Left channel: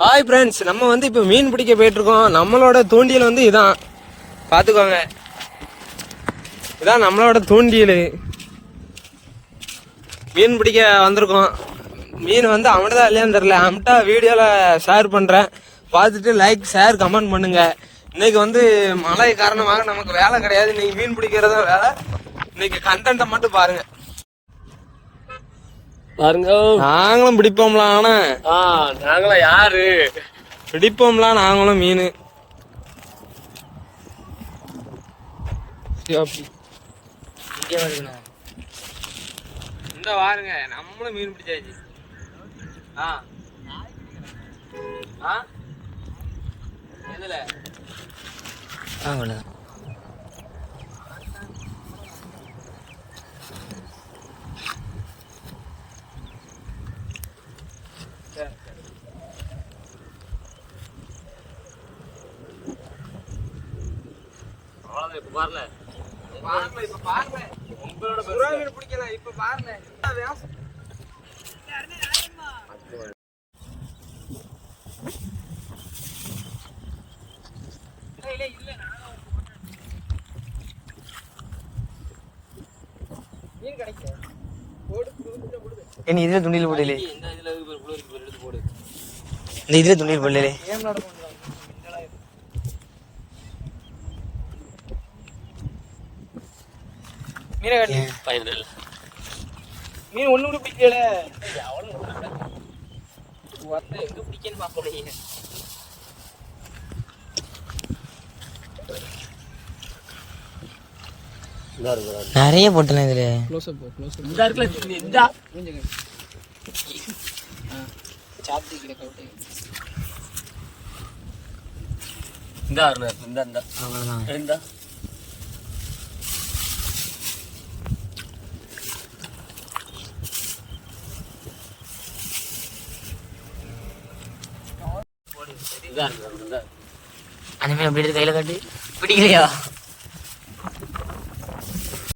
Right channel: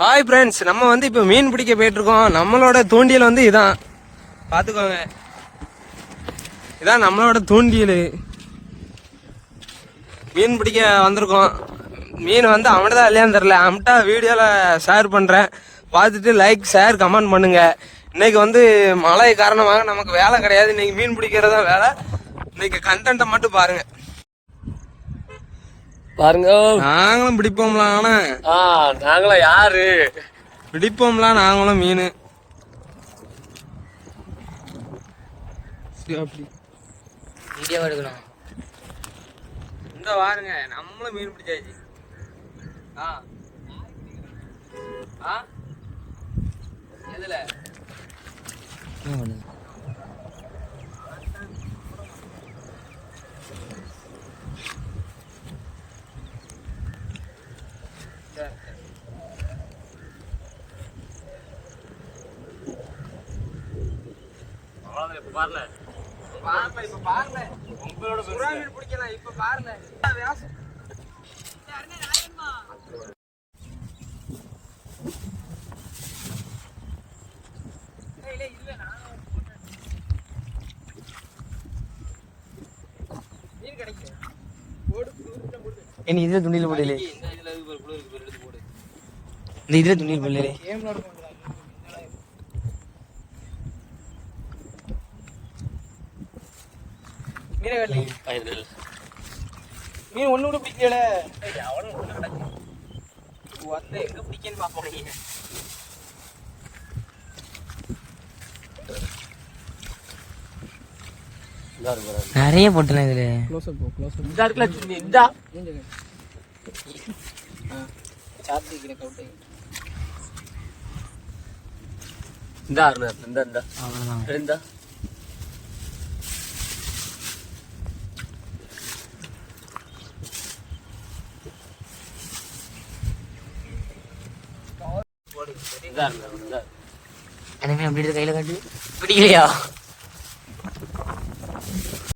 Hi friends நம்ம வந்து இப்போ மீன் பிடிக்க போயிட்டுருக்கோம். நம்மளோட தூண்டியல் வந்து இதான். பார்த்துக்கோங்க இதான் நம்மளோட தூண்டியல் மீன் பிடிக்க வந்திருக்கோம். மீன் வந்து அவன்கிட்ட இல்லையான்னு தெரில அவன்கிட்ட வீடியோவில் ஷேர் பண்ணுறேன் பார்த்துட்டு லைக் ஷேர் கமெண்ட் பண்ணுங்கள் இன்றைக்கி வந்து மழை காரணமாக நமக்கு வேலை கிடையாது. இன்றைக்கி மீன் பிடிக்கிறது தான் வேலை. இன்னைக்கு கண்டென்ட்டை மட்டும் பாருங்கள் பாருங்க. நாங்களும் பிடிப்போம்லாம் ஆனா. ஆ நாங்களும் யாரு? பிடிப்போம்லாம் நாங்களும் மீன். அப்படி. இங்கே எடுக்கணும் இந்த வாருங்க நம்மளும் மீன் பிடிச்சாச்சு. ஆ. ஆ? எதுல? அவ்வளோதான் பாருல இப்ப பாருல உங்களோட சுறா மீன் பிடிக்கலாம் இப்ப பாருல மீன் கிடைக்கும் போடு புடு போடு இனி இதுல துணியில் போடலே இந்த இதுல இருக்கு புழு இருக்கு எடுத்து போடு இந்த இதுல துணியில் போடலே மீனை ஒண்ணு கூட பிடிக்கல எங்க பிடிக்கன்னு பாப்போம் நிறைய போட்டலாம் இதுல. க்ளோஸ் அப் க்ளோஸ் அப் இந்த இருக்குல்ல இந்த கொஞ்சம் சாத்தி கிடக்க விட்டு இந்த. அருண் இந்த இந்த அவ்வளோதான் இந்த. அந்த மீன் அப்படி கையில காட்டி பிடிக்கலையா?